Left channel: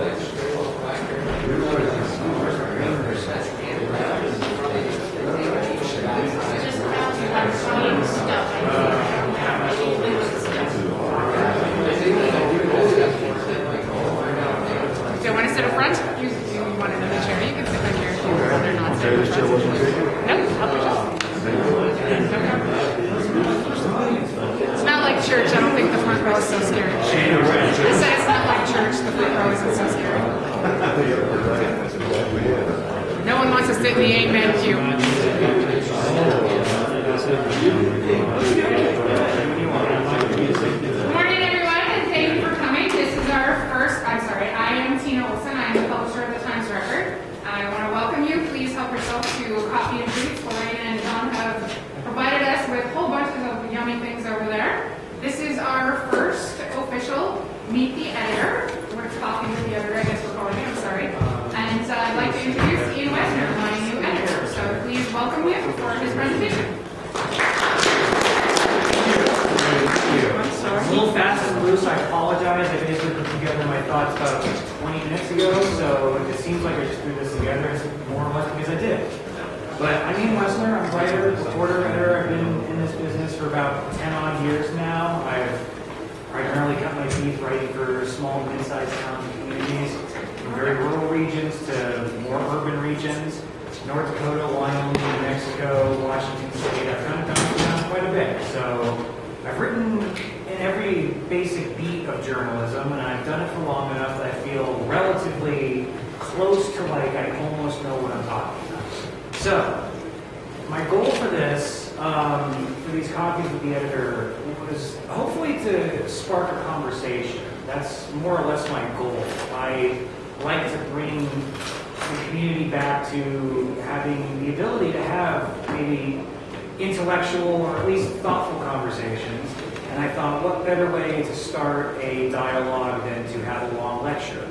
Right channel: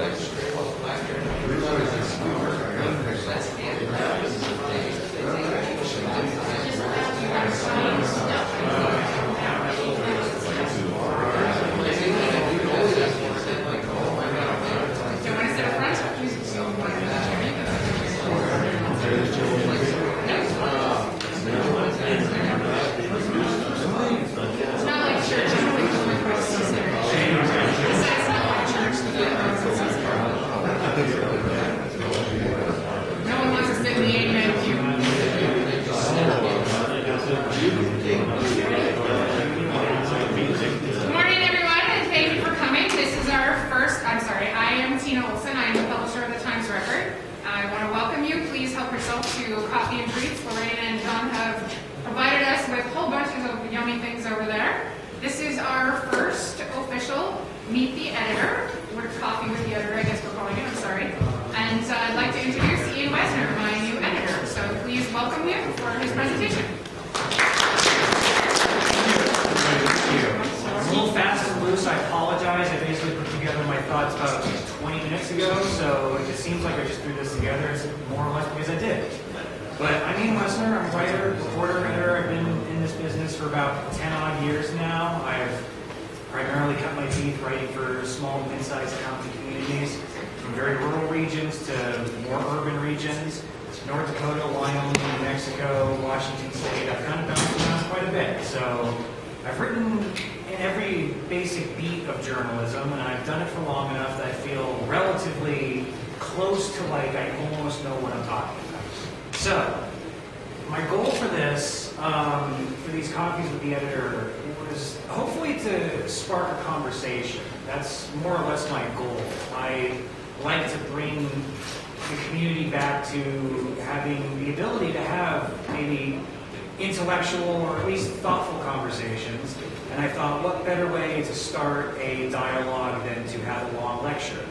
No one wants to sit in the Amen queue. Good morning, everyone, and thank you for coming. This is our first, I am Iain Woessner. I am the publisher of the Times Record. I want to welcome you. Please help yourself to coffee and treats. Lorraine and John have provided us with whole bunches of yummy things over there. This is our first official Meet the Editor. We're Coffee with the Editor, I guess we're calling it, I'm sorry. And I'd like to introduce Iain Woessner, my new editor. So please welcome him for his presentation. It's a little fast and loose, I apologize. I basically put together my thoughts about 20 minutes ago, so it just seems like I just threw this together. It's more or less because I did. But I'm Iain Woessner, I'm a writer, reporter, editor. I've been in this business for about 10 odd years now. I've primarily cut my teeth writing for small and mid-sized towns and communities, from very rural regions to more urban regions, North Dakota, Wyoming, New Mexico, Washington State. I've kind of bounced around quite a bit. So I've written in every basic beat of journalism, and I've done it for long enough that I feel relatively close to like I almost know what I'm talking about. So my goal for this, for these Coffees with the Editor, was hopefully to spark a conversation. That's more or less my goal. I like to bring the community back to having the ability to have maybe intellectual or at least thoughtful conversations. And I thought, what better way to start a dialogue than to have a long lecture?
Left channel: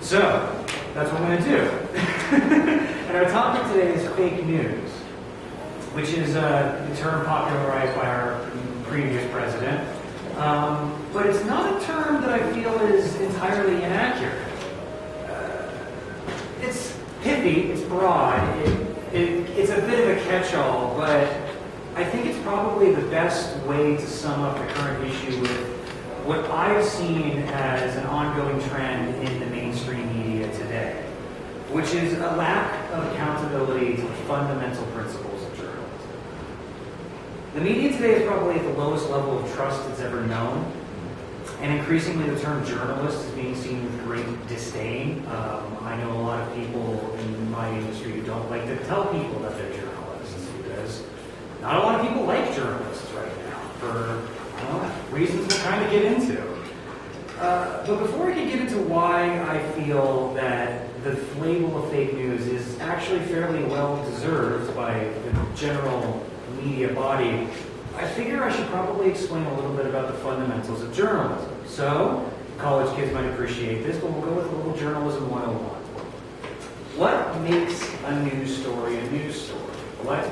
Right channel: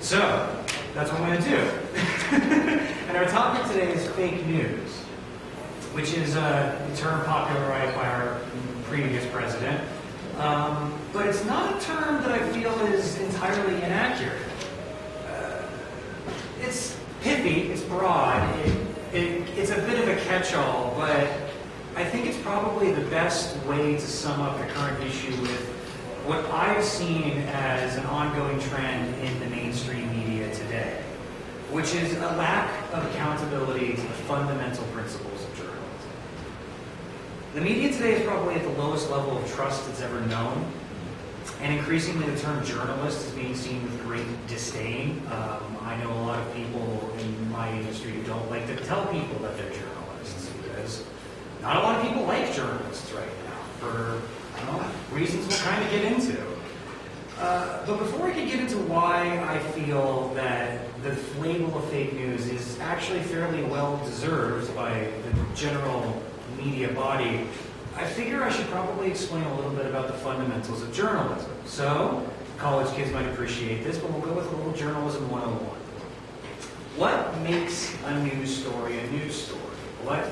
So that's what I'm going to do. And our topic today is fake news, which is a term popularized by our previous president. But it's not a term that I feel is entirely inaccurate. It's pithy, it's broad, it's a bit of a catch-all, but I think it's probably the best way to sum up the current issue with what I've seen as an ongoing trend in the mainstream media today, which is a lack of accountability to the fundamental principles of journalism. The media today is probably at the lowest level of trust it's ever known, and increasingly the term journalist is being seen with great disdain. I know a lot of people in my industry who don't like to tell people that they're journalists, because not a lot of people like journalists right now, for reasons we'll kind of get into. But before I can get into why I feel that the label of fake news is actually fairly well deserved by the general media body, I figure I should probably explain a little bit about the fundamentals of journalism. So, college kids might appreciate this, but we'll go with a little journalism 101. What makes a news story a news story? What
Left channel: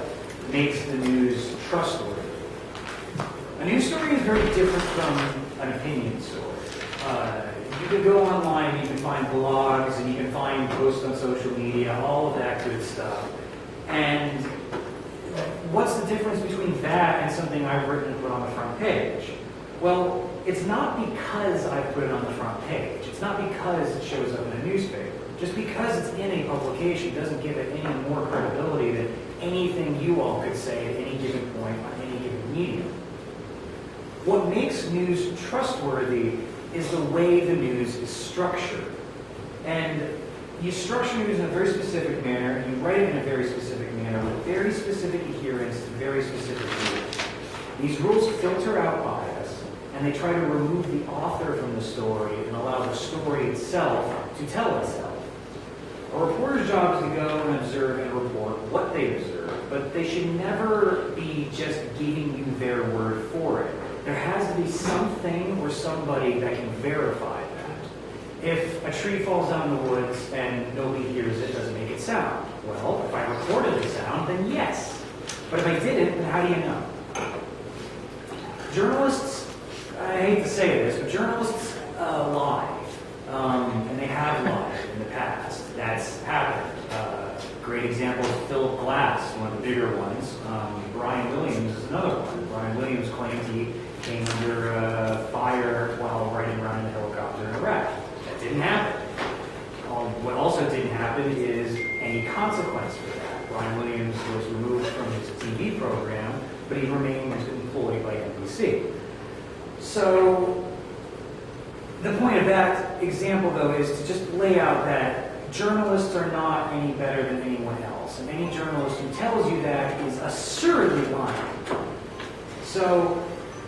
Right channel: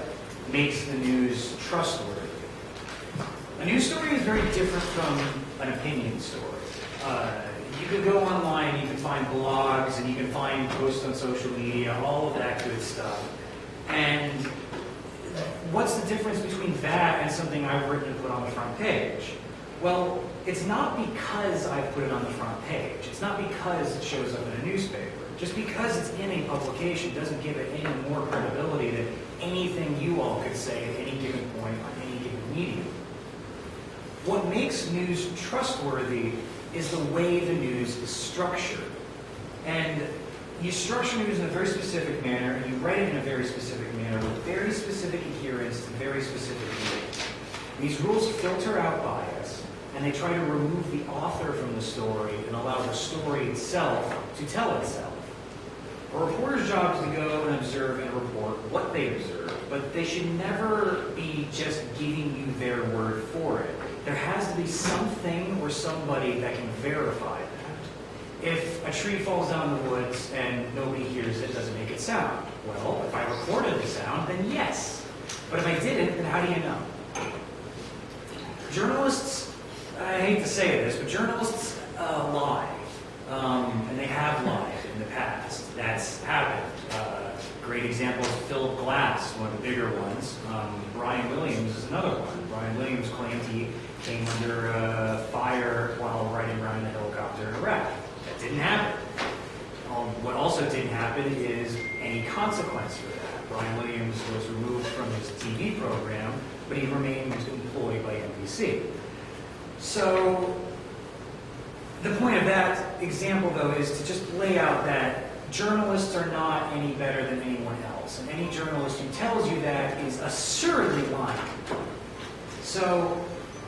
makes the news trustworthy? A news story is very different from an opinion story. You can go online, you can find blogs, and you can find posts on social media, all of that good stuff. And what's the difference between that and something I've written and put on the front page? Well, it's not because I've put it on the front page. It's not because it shows up in a newspaper. Just because it's in a publication doesn't give it any more credibility than anything you all could say at any given point on any given medium. What makes news trustworthy is the way the news is structured. And you structure news in a very specific manner, and you write it in a very specific manner with very specific adherence to very specific rules. These rules filter out bias, and they try to remove the author from the story and allow the story itself to tell itself. A reporter's job is to go and observe and report what they observe, but they should never be just giving you their word for it. There has to be something or somebody that can verify that. If a tree falls down in the woods and nobody hears it, does it make it sound? Well, if I recorded the sound, then yes. But if I didn't, then how do you know? Journalists, I hate to say this, but journalists lie. and they have lied in the past. That's happened. Great example is Phil Glass, one of the bigger ones. Brian Williams is another one. Brian Williams claimed he came under fire while riding around in a helicopter in Iraq. That didn't happen. What also didn't happen is any consequence for that. Brian Williams was removed from his TV program, but he remained employed by NBC. So the point of that example, though, is to just lay out that journalists are not any better than anyone else, and any journalist who tells you that is assuredly lying. So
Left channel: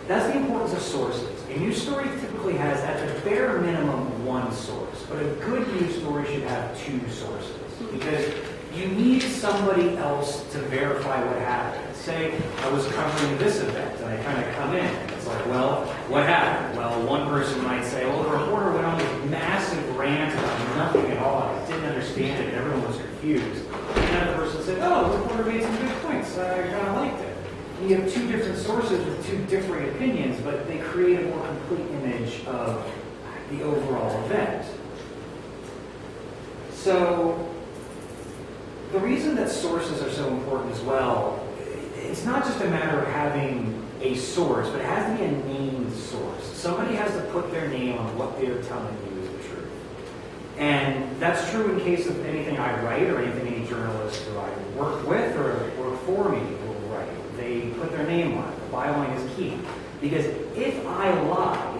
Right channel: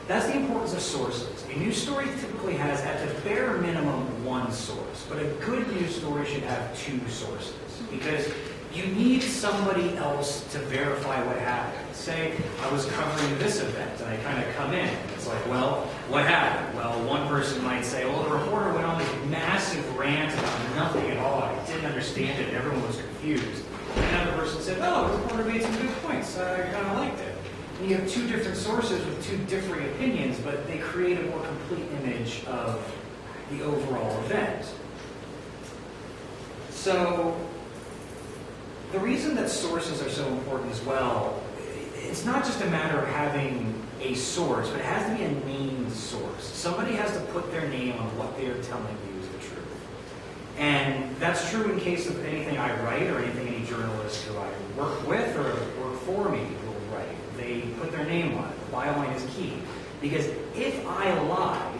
that's the importance of sources. A news story typically has, at the bare minimum, one source, but a good news story should have two sources, because you need somebody else to verify what happened. Say, I was covering this event, and I kind of come in, and it's like, well, what happened? Well, one person might say, well, the reporter went on this massive rant about nothing at all, and I didn't understand it, and everyone was confused. And another person said, oh, the reporter made some good points, I kind of liked it. And you have two different sources with two differing opinions, but they create a more complete image of the overall event. So, the reason that sources are so important as well, it's not just a matter of having a source, but it has to be a named source. Somebody has to put their name on what they're telling you is the truth. And that's true in case of anything I write or anything any journalist who I work with or work for me will write. They put their name on it. The byline is key. Because if I lie,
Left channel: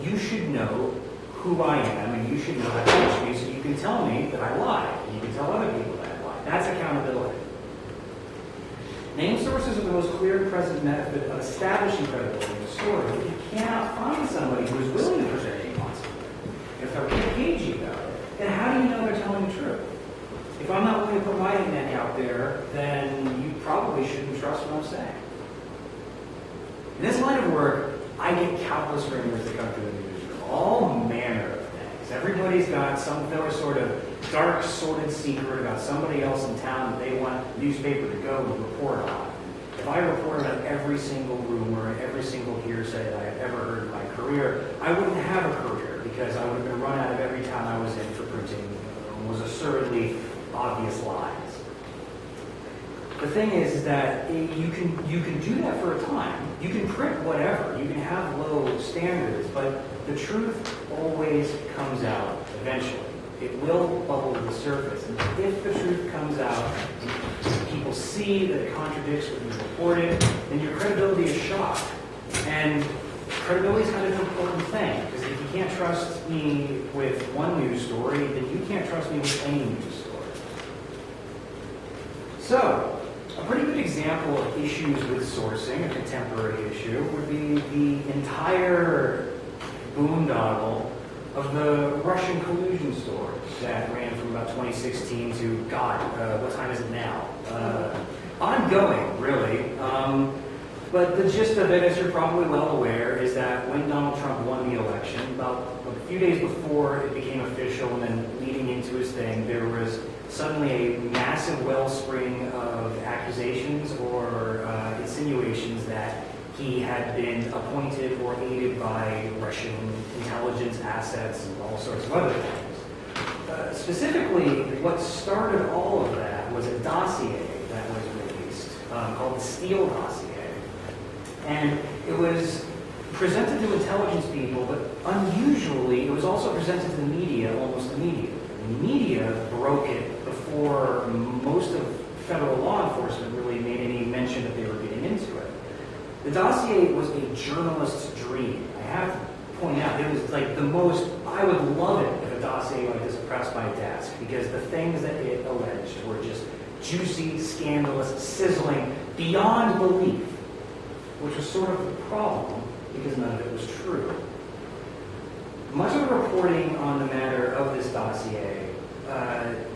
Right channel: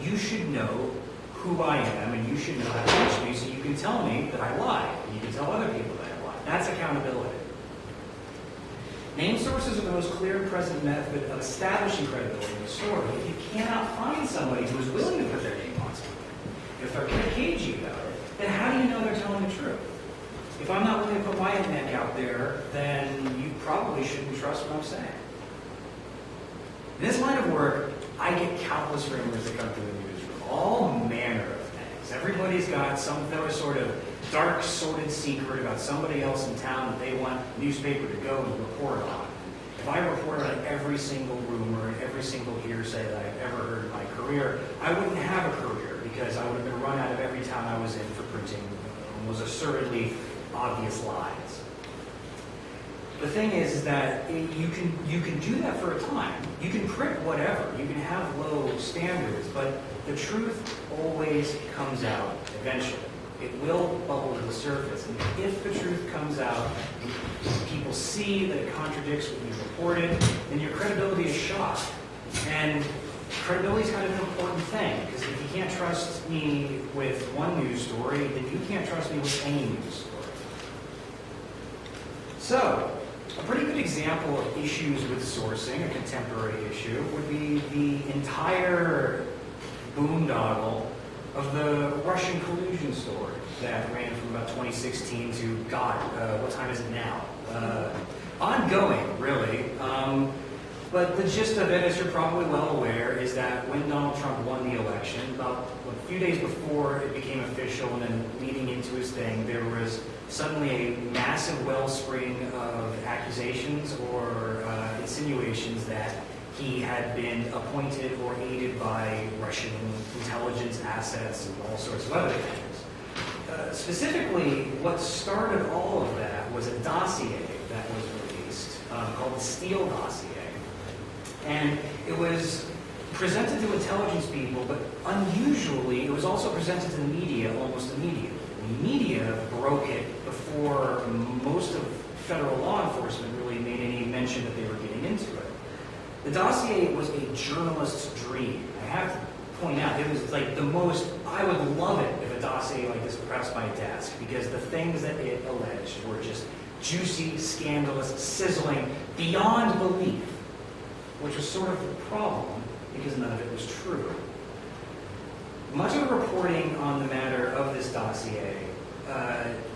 you should know who I am and you should know how to reach me so you can tell me that I lied. And you can tell other people that I lied. That's accountability. Named sources are the most clear and present method of establishing credibility in a story. If you cannot find somebody who is willing to put their name on something, if they're cagey about it, then how do you know they're telling the truth? If I'm not willing to put my neck out there, then you probably shouldn't trust what I'm saying. In this line of work, I get countless rumors that come through the newsroom, all manner of things. Everybody's got some sort of dark, sordid secret about somebody else in town that they want the newspaper to go and report on. And if I reported on every single rumor and every single hearsay that I've ever heard in my career, I wouldn't have a career because I would have been run out of every town I was in for printing almost assuredly obvious lies. The thing is that you can do that for a time. You can print whatever. You can have low standards, but the truth always comes out eventually. It will bubble to the surface. And if the truth comes out and people see that it contradicts what you've reported, then your credibility is shot. And credibility is kind of an important thing, because if you can't trust me with one news story, then you can't trust me with any news story. So, a pretty good example of issues with sourcing, a contemporary issue, would be the entire boondoggle of the Russian collusion story that ran from about 2016 to, what time is it now? Ongoing, really. But the gist of it, as you're probably well aware, is that when Donald Trump won the election, about a few days before it became official and then leading into his thing, there was suddenly a massive wellspring of accusations or insinuations that he had been appointed or aided by Russian intelligence assets and all sorts of other things. Specifically, what started all of that was a dossier that was released called the Steele dossier. And it was presented to intelligence people, but unusually, it was also presented to the media almost immediately. The media broke it before most of federal law enforcement really made any mention that they were getting into it. The dossier was a journalist's dream. I have to point out, it was like the most, I would love it if a dossier like this pressed my desk, because the things that it alleged were just juicy, scandalous, sizzling, beyond belief, which was sort of the problem, because none of it was true. Much of the reporting on the matter of this dossier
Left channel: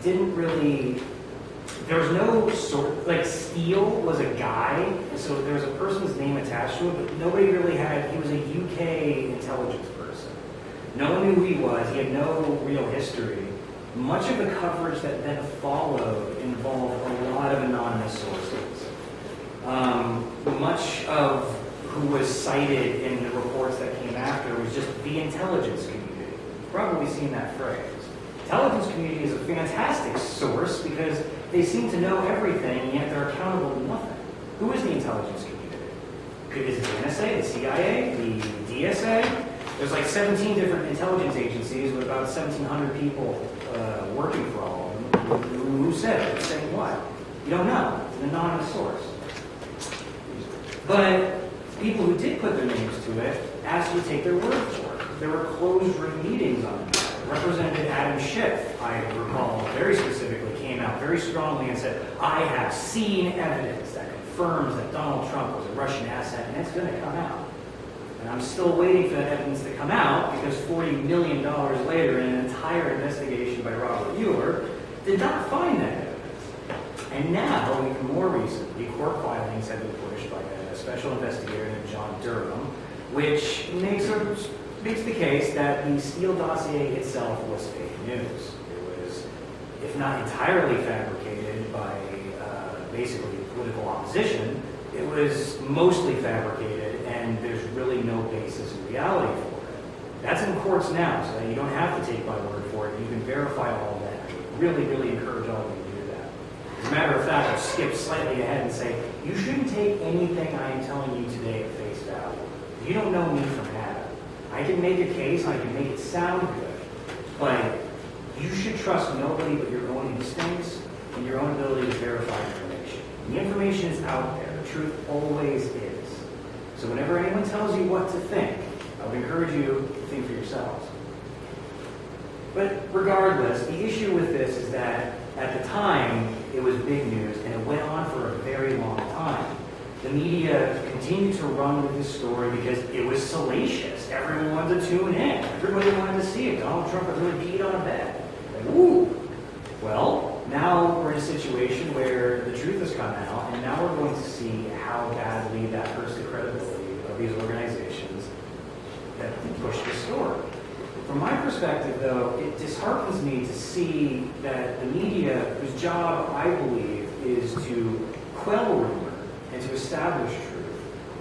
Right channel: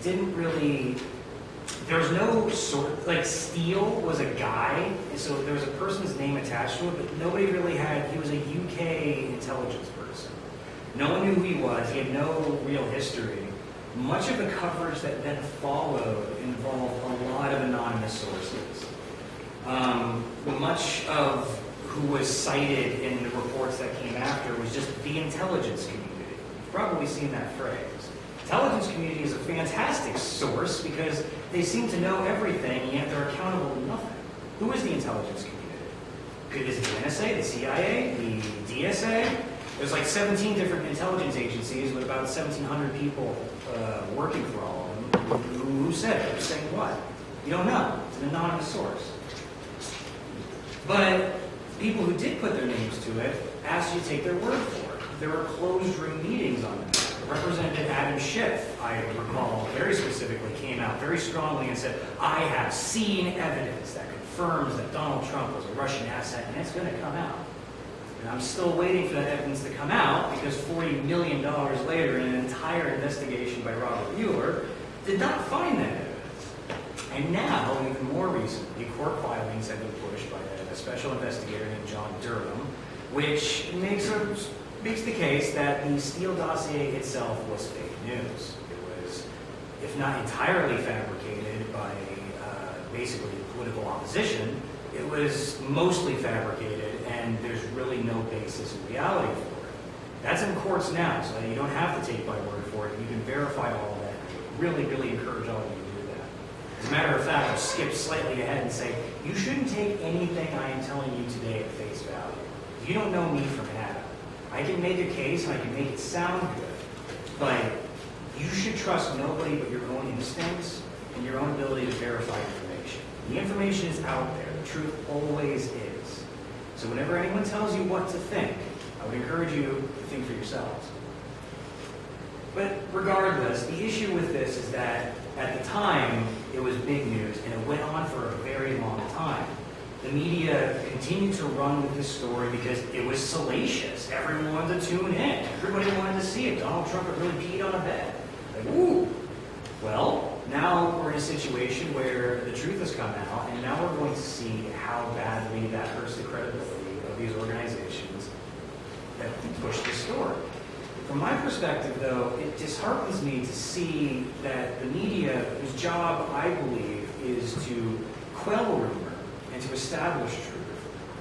didn't really, there was no like Steele was a guy, so there was a person's name attached to it, but nobody really had, he was a UK intelligence person. No one knew who he was, he had no real history. Much of the coverage that then followed involved a lot of anonymous sources. Much of who was cited in the reports that came after was just the intelligence community. You've probably seen that phrase. Intelligence community is a fantastic source because they seem to know everything, and yet they're accountable to nothing. Who is the intelligence community? Is it the NSA, the CIA, the DSA? There's like 17 different intelligence agencies with about 1,700 people working for all of them. Who said it? Who's saying what? You don't know. It's an anonymous source. But people who did put their names to it asked you to take their word for it. There were closed-room meetings on the matter. Representative Adam Schiff, I recall, very specifically came out very strongly and said, I have seen evidence that confirms that Donald Trump was a Russian asset, and it's going to come out. And I'm still waiting for that evidence to come out because $40 million later in an entire investigation by Robert Mueller did not find that evidence. And now, even more recently, court filings have been pushed by a special investigator named John Durham, which makes the case that the Steele dossier itself was fake news. It was, if not entirely fabricated by basically political opposition, it was mostly fabricated, and there's really no basis in reality for it. That's in courts now, so that you don't have to take my word for it. You can verify all of that. I would really, really encourage all of you to do that. As a matter of fact, I'll skip slightly ahead and say, you shouldn't take anything I am telling you today at face value. You don't know me from Adam. I can make a case, and I can make it sound good, but you should trust nobody but your own instincts and your own ability to verify information. The information is out there. The truth always is. So whenever anyone tells you what to think, I would encourage you to think for yourselves. But regardless, the issue with this is that at the time, it was big news, and it went on for a very long time. The media continued to run with this story because it was salacious. Everyone wanted to tune in. Everybody wanted to see it. Donald Trump had really peed on a bed. Like, woo! Well, now we're in a situation where the truth has come out, and now we're going to see how badly that hurts the credibility of these organizations that push this story. From my perspective, though, it disheartens me to see that the media, whose job, I believe, is to quell rumor and to establish truth,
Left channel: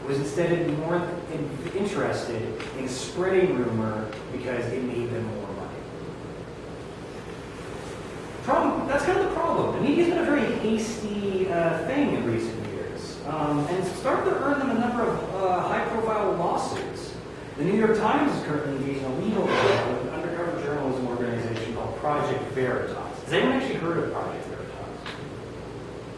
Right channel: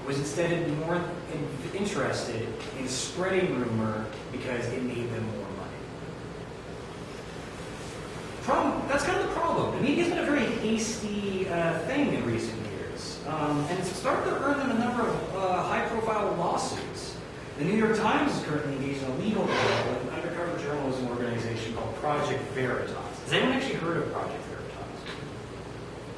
was instead more interested in spreading rumor because it made them more money. That's kind of the problem. The media's been a very hasty thing in recent years, and it's started to earn them a number of high-profile lawsuits. The New York Times is currently engaged in a legal battle with an undercover journalism organization called Project Veritas. Has anyone actually heard of Project Veritas?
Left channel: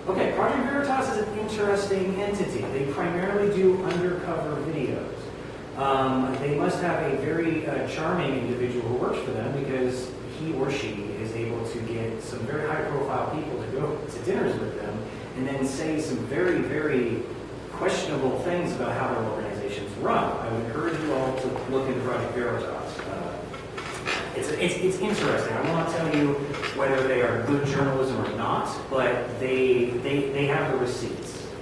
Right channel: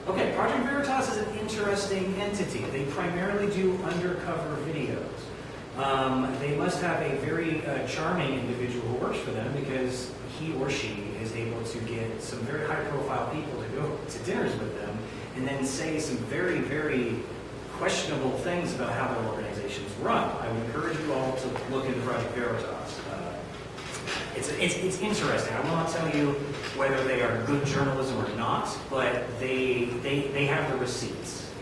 Okay, Project Veritas is an interesting entity. They primarily do undercover videos. They must have a very charming individual who works for them because he or she is able to get some very high-profile people to go to dinners with them and then say some very, very questionable things about how their organizations run. I would encourage you all to look into Project Veritas. It's interesting. I will not tell you whether they are good journalism or not, but they have the receipts.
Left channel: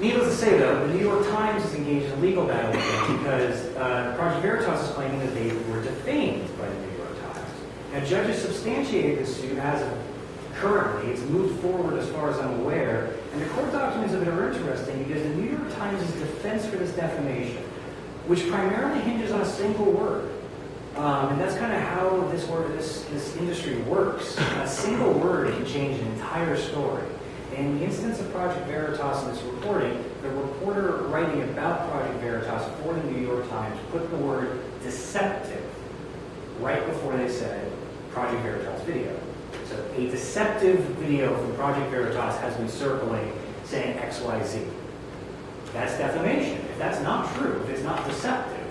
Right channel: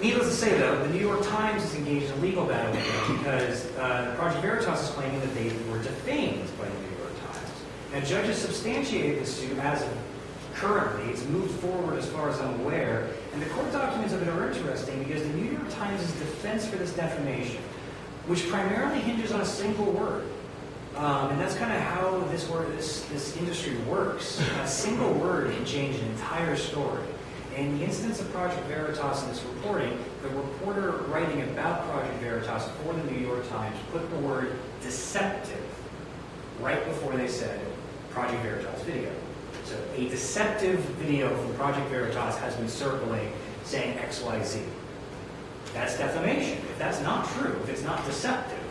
Needless to say, though, the New York Times is engaged in a legal battle with them because Project Veritas is claiming that they were defamed by the New York Times. Now, judges substantiated this suit as of currently. It's moved forward as far as I'm aware, and the court documents of it are interesting because the New York Times' defense for this defamation, which primarily hinges on a single word, and that's kind of how this industry works. A single word can change an entire story. And in the instance of Project Veritas in this reporting, the reporter writing about Project Veritas for the New York Times put the word deceptive right before they said Project Veritas video. So a deceptive video from Project Veritas has been circulating saying XYZ. That's defamation. If that's not true, if it's not deceptive,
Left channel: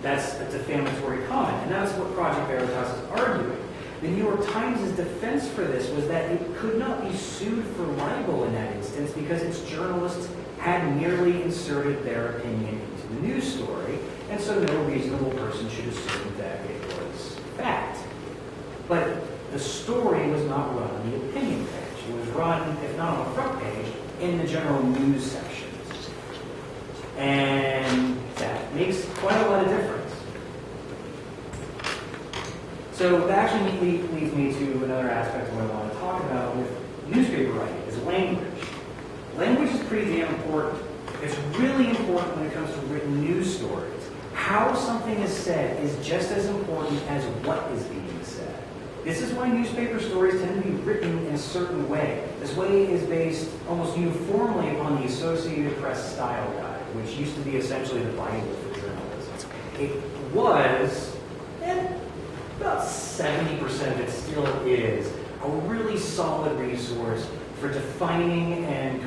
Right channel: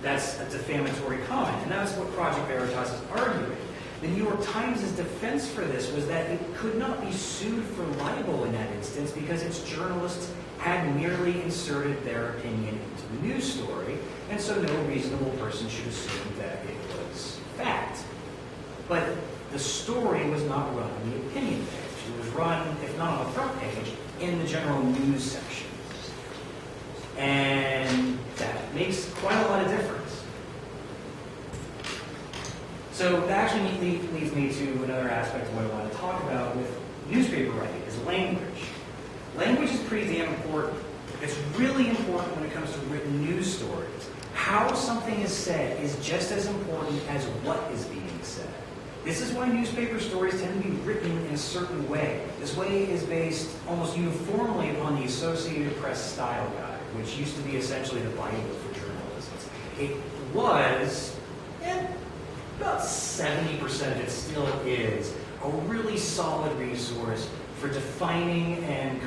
that's a defamatory comment. And that's what Project Veritas is arguing. The New York Times' defense for this was that it could not be sued for libel in that instance because its journalists had merely inserted their opinion into the news story, and so no reasonable person should assume that it was fact. But the story was not run on the opinion page. It was run, if not on the front page, in the general news section. And that makes quite a lot of difference. So that actually leads me to another aspect of what I want to talk about with newspaper writing, is language. Language is pretty damn important. It's really important when it comes to written news stories. how something is said is just as important as what is being said. This is why newspaper stories tend to be written in a certain way. This way is based almost uniformly upon the Associated Press Style Guide, which used to be essentially the Bible for journalism. It was, and about 70% of it still is, a really solid resource for defining and codifying